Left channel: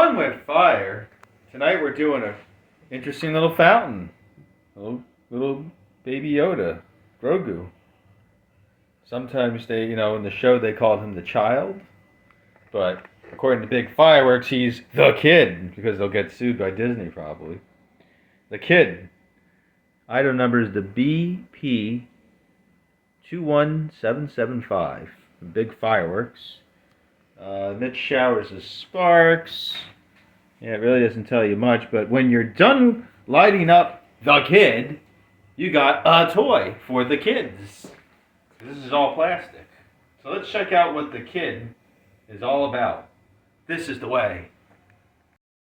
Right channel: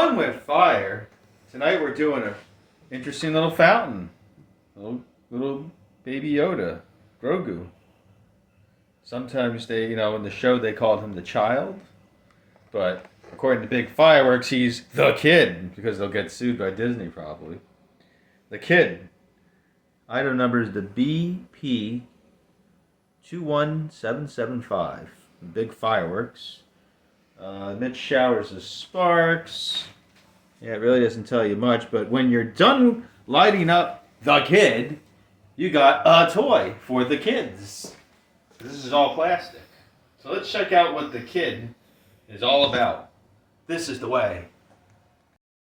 Fun with fire. Tonight we're doing a interesting little fountain. Little baby Yoda, Grogu. Sometimes in the show they called him the child, but according to Big Fireworks, he's the kid because they'll get sued by Disney probably. The kid. Item number is the BP 21775. Big Fireworks. Emits showers of sparks. Yeah, it really doesn't tell you much, but when you're done lighting up the kid, you got a toy for the kids. This is all plastic. So let's check out what the kid is all about. This is the way.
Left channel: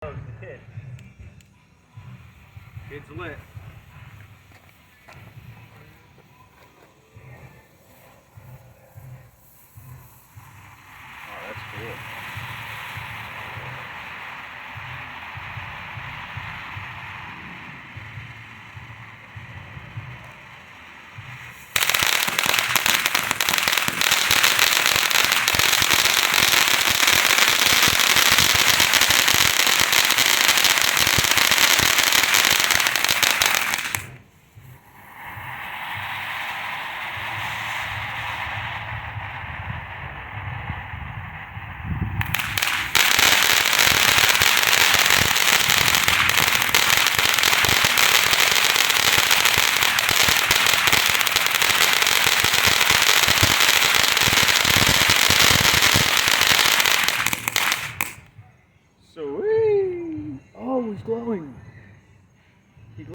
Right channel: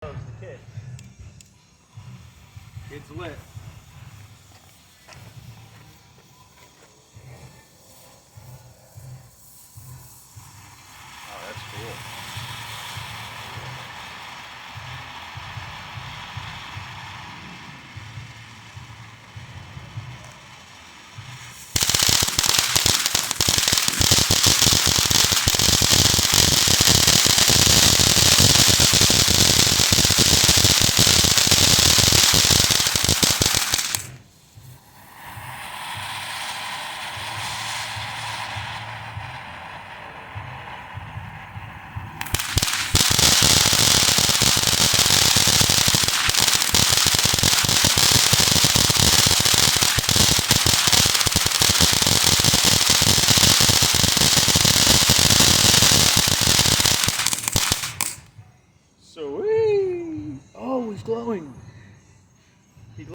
Oh, it's the kid. Kid's lit. Oh, that's cool.